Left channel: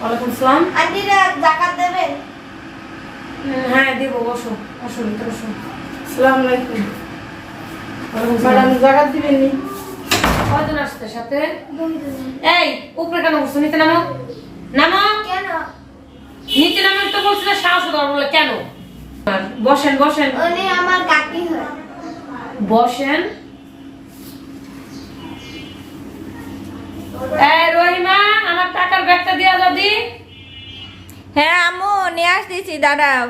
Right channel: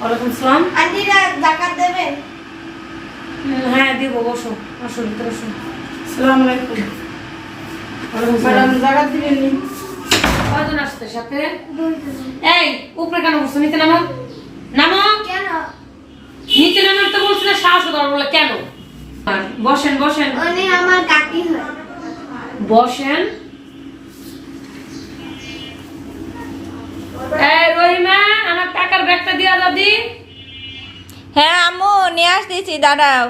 ওয়ালাইকুম সালাম। আন্টিরা জাকাত দেবেন হ্যাঁ দেবো বসো বসো ভিতরে বসো। সালাম আলাইকুম। ওয়ালাইকুম সালাম। জায়গা দিবেন নি কয়জন আসছে সাথে? এই উপরে কেন বসছো? নিচে নামো। নামো। কেন? নিচে নামো তো বলছিল দেওয়ার বলে কেন? বসেন বসেন। আমার কাকি হয়। বসেন। রহিমা আমার টাকার ব্যাগটা দিয়া দাদি হ্যাঁ আম্মু নিয়ে আসতেছি দাঁড়াও।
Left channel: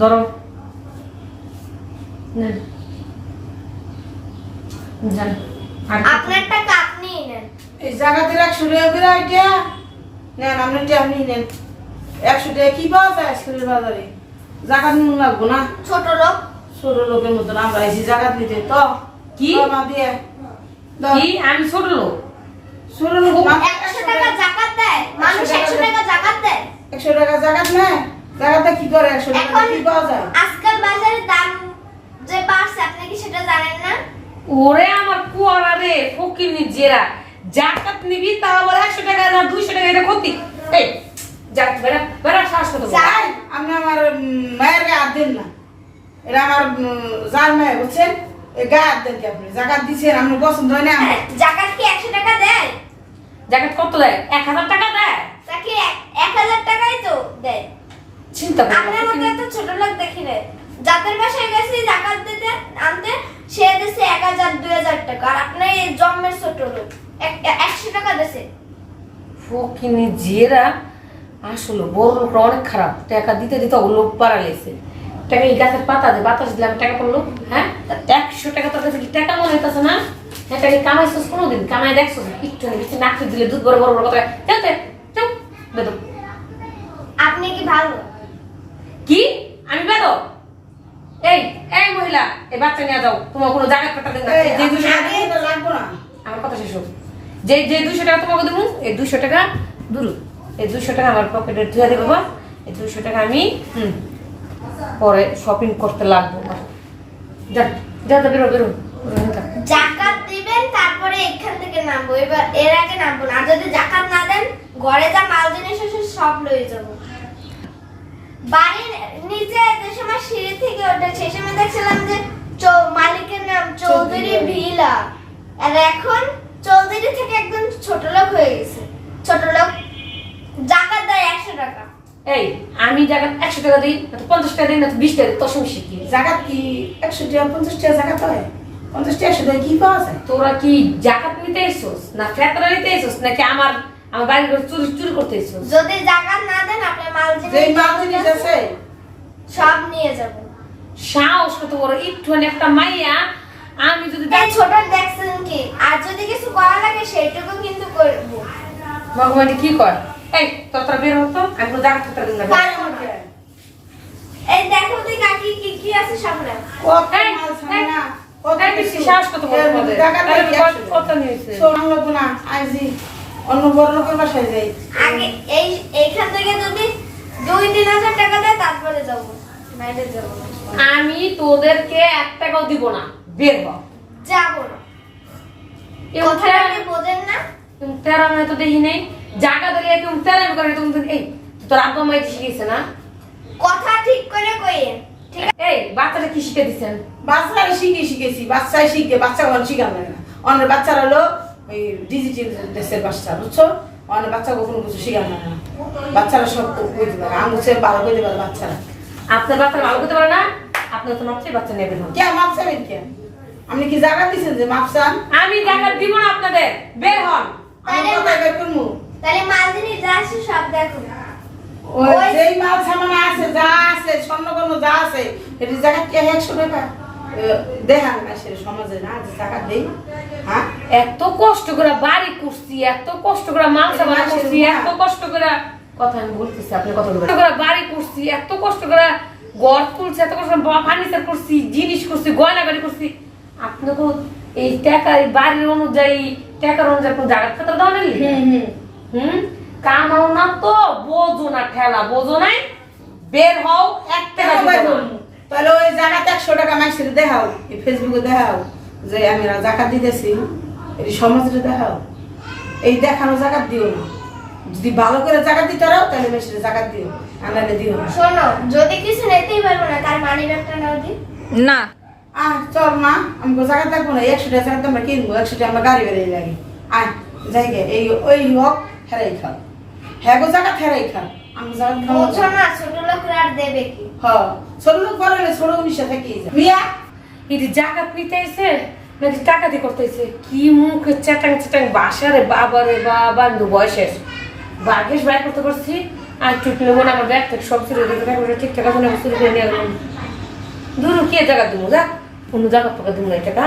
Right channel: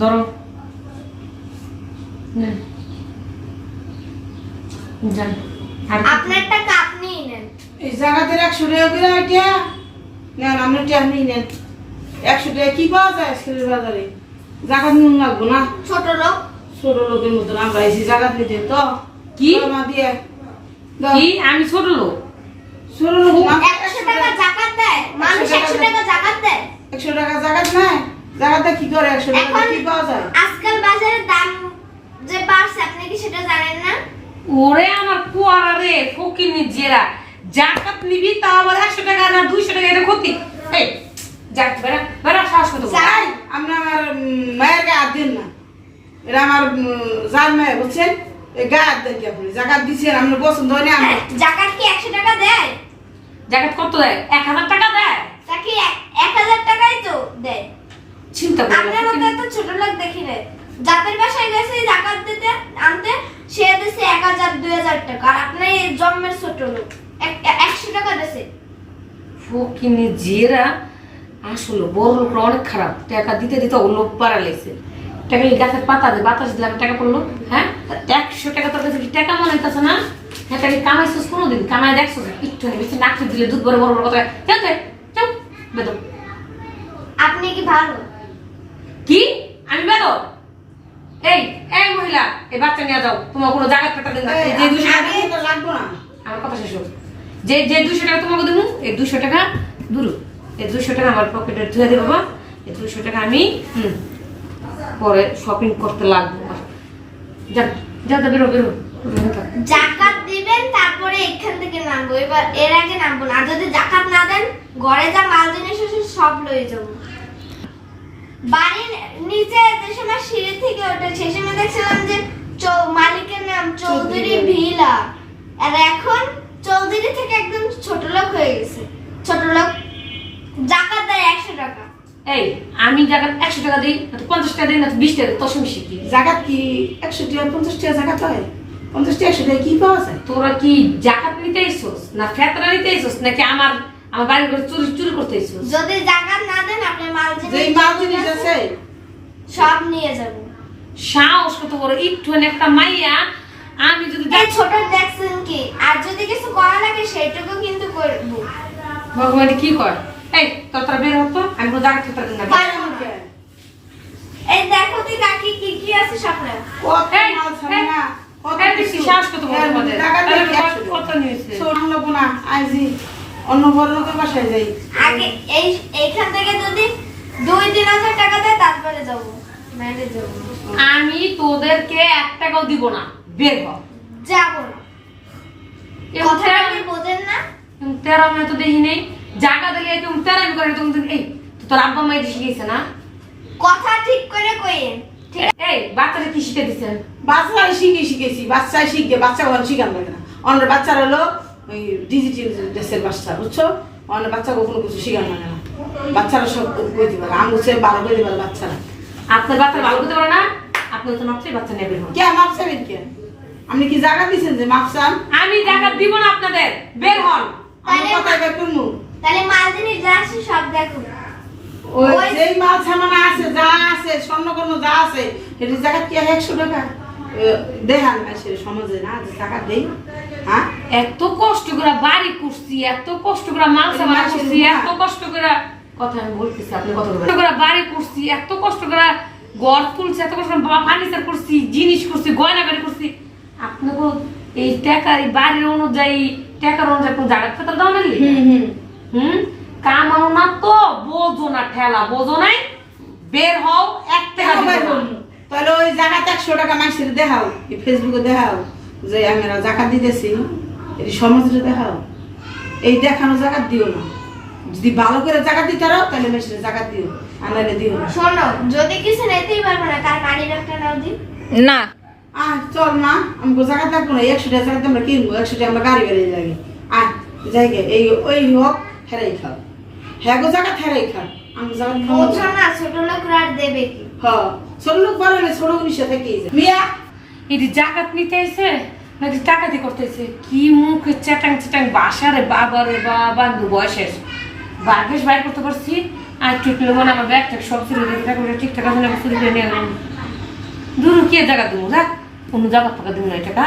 ধরো। আপনার টাকা আপনিই নেন। এই জায়গাতে একশো টাকা এটা নেন আপনি টাকা নিয়ে নেন। একশো টাকা কি পাওয়া যায় বাজারে? জায়গা নুন লাগবো না? ছোট লোক। ছোট লোকের মতন আমরা এসে জায়গা দিতে তো। কি? মা দিয়ে কি? আমি ছোট লোক। ছোট লোক না, একশো টাকা জাকাত দেয়। মানুষ একশো টাকা জাকাত দেয়। একশো টাকা জায়গা নেয়। জায়গাতে কি করে একশো টাকা? কি পাওয়া যায়? আজকাল বাজারের দাম যে বাড়ছে আপনি কি সেটা জানেন না? ওরে আমার কুয়ারা রে ফকিনি জেরা। জাকাত নিবি তা আবার একশো টাকা না দুইশো টাকা এটা ক্ষতি। এই যাক বেড়া বেড়া শ্বাস বড়। যাই আপনি আমার মায়ের গায়ে দিন না। এটা আমার যার মায়ের বুঝছেন? এই দেন কি আপনি? জায়গা দিচ্ছেন আপনি পছন্দ হয় না জাকাত কি একশো টাকা দেয়? জাকাত কত দেয়? এক হাজার টাকা দেয়? তাকে এক- এক হাজার টাকাই তো দেয়। চিন্তা করো আপনার মতো এত ছোট লোক দেখি নাই। জাতের বাসায় গেছে জাকাত দিতে আনতে সে দিছে এক হাজার দুই হাজার টাকা। আর আপনার এই জন্মের ছোট লোক এক- একশো টাকা দিছে। ফকিনি জেরা আসলে বড় লোকরা অনেক খারাপ। টাকা দিতে দিতে ও লোক পাড়া লেগেছে। টাকা এই গাছের পাতা দিয়ে বাতাস দিলাম টাকা পড়ল হ্যাঁ? একশো টাকা তোর কাছে কি টাকা মনে হইতেছে না? হ্যাঁ টাকা কামাইছিস কোনোদিন? কামাই দেখছ? একটু বেশি নাকি দিলে দুধ বড় বড় বড় কথা। চলতে চল বেদম আপনি কি ভালো? কি? আমি বেদম এই এই মহিলা এই বাচ্চা নিয়ে যাও। তোমার কোনো জায়গা টাকা দেন যে দুশো টাকা লাগবো না। আমার কথা শেষ যে যে দুশো টাকা তোমাকে দেবো এই দুশো টাকা দুরু। এই দুশো টাকা আমার পকেটে ধুয়ে দেবো এই দুশো টাকা আমি হুম, পরে শপিং করতে লাগবো। যা যা বেরো বেরো। জাকাত দিবেন তারপরে এখান থেকে নামবো। এবার এর আগে নামবো না। যদি জাকাত না দেন ঘরে যা মাল জিনিস সব লয়ে যাব। বাড়ির নিচে যে সময় সিঁড়ি থেকে ওঠে সেই সময় দেখছিলাম যে চৌ- মালিকের নাম চৌধুরী। ভিলা। আর এখন চৌধুরী থেকে একদম ছোট লোক হয়ে গেছে। ছোট লোক জাকাত দেয় একশো টাকা। এই আমি জায়গা একশো টাকা দিই না তো পঞ্চাশ টাকা দিই না তো বিশ টাকা তোর সঙ্গে শিখি জায়গা কি একশো টাকা পঞ্চাশ টাকা জায়গা হয়? পঞ্চাশ টাকা একশো টাকা কি পাওয়া যায়? তোরা কি জাকাত নিতে এসোস না ফেতরা নিতে এসোস নাকি আমার আমার বাড়ি করে চুরি চুরি করতে এসোস যদি জাকাত না দেন আপনি মাল যেই মাল জিনিস আছে। সব নিয়ে যাবেন সাহস কত বড় একটু একটা মাইয়া আমি যদি এই ছোট দেখছেন কি আর যদি কিছু করা লাগে সেইটুকু কিন্তু করব। ভগবান কি কয়? এই তোর বের হতো আমি কোনো জায়গা থাকতে না বের। বাইরে মধ্যে। এই দেখো তুই কাকি কি কি আছে সামনে কত এই, মাল ছাড়ে এই, না, কত বেশি সাহস কত বড় এর মধ্যে তোমাদের? টাকা তাহলে নেই, কত- একশো টাকা। কত নিয়েছে? শোনান লাগবো না, আইজি। অন্য বড় লোকের বাসায় যাই আগে এই এইখান থেকে যদি দুই তিন হাজার টাকা দেয় তারপরে যাব নাইলে যাব না। আমি তোদেরকে এক টাকাও দিব না বের হ যাব না এরকম কথাটা কি বোঝেন না তেরা মেয়ে তো দেখি নেই জায়গা দিলে এরকম তেরামি করে তুমি এই তোর আব্বা মাই শিখেছে না? কথা ঠিক করে কইেন ঠিক আছে? এই বাচ্চাটা কি শিখে দিচ্ছেন বাচ্চারা শিখে শিখেছি বাচ্চাই শিখে বাচ্চা ঘর শিখান লাগে না। অন্য বাচ্চারা হলো ওই ডিজিটাল দেশের বাচ্চা বুঝছ? অন্য বাচ্চা কোনো কিছু শিখান লাগে না। বাচ্চারা সব বুঝতে পারে আমি হচ্ছে ভালো বুঝতে পারে বাচ্চারা। আপনার বাচ্চা ভালো করতে পারে না আপনার তো মাপছে বাচ্চা নেবে না। কে মাপ চাবেন কে? আপনি কি জায়গা দিচ্ছেন যে মাপ চান আমি জায়গা দিব না আপনাদের বের হন। আমি কথা বের করব? তাহলে মাল জিনিস যা আছে সব দেখুন ওই যেই মাল সামানা আছে যা আছে স্বর্ণকর্ণ যা আছে এটি জায়গা কি একশো টাকা দেখান সে সমাজে না যে টাকা দেই। হ্যাঁ? এত কষ্ট করে বাড়ি করছি এত কষ্ট করে বাড়ি মাসের করছি এত কষ্ট করে কথা আমি বলতেছি আপনি কথা কষ্ট করে বাড়ি করছি এত কষ্ট করে ঘর তুলছি এত কষ্ট করে ফার্নিচার করছি জিনিস করছি গয়না গাড়ি করছি আপনি কোনো এই টাকা বাড়ির অনুযায়ী টাকার অনুযায়ী কোনো জায়গা ক্ষেত্রে দাও নালি? হুম? কামাও না তো বোঝো না ঠেলা বোঝো নাই? বের হও এক টাকা। তাহলে ওই জায়গাতে একশো টাকা মাইসের দেখাও এই ফেসবুকে দেখাও যে আমি জাকাত দিতেছি এটি সমাজে দেখাও। এই দেখানো জাকাত দিও না। যদি ভালো করে জাকাত দিতে পারো তাহলে মেশিনে জাকাত দিও আনারে দিও না। শোনো যদি কিছু নিতেই পারব না তার মানি ব্যাগটা নাও দিই না। আহ চল মা আমি জায়গা থাকব না একশো টাকা জায়গা আমরা কিনবো একশো টাকা আমরা গাড়ি বেরিয়ে যাবে আয় যাই গে এই ওই হোক হেরাই খাও হ্যাঁ গো জায়গা হেরাই খাও আমি জায়গা খাব বোঝো না ছোট লোকরা আর দেবে কি? হ ছোট লোক পরে ছোট উনিশে থেকে মিয়া! এটি জাকাত নিতে এসে নাকি টাকা দিয়ে করতেছে কি মুখে চ্যাটাং চ্যাটাং বাসারে বাবারে বাবা দু বয়সের বাগেশ বাইর করতে পারছি। আর টুটলে মনে আমার ব্যাগ থেকে সব চুরি রেখে টাকা ঠিকঠাক আছে না চুরি করে নিয়ে দূর কে জায়গা দিব যা অন্য জায়গা টাকা দিব না টাকা।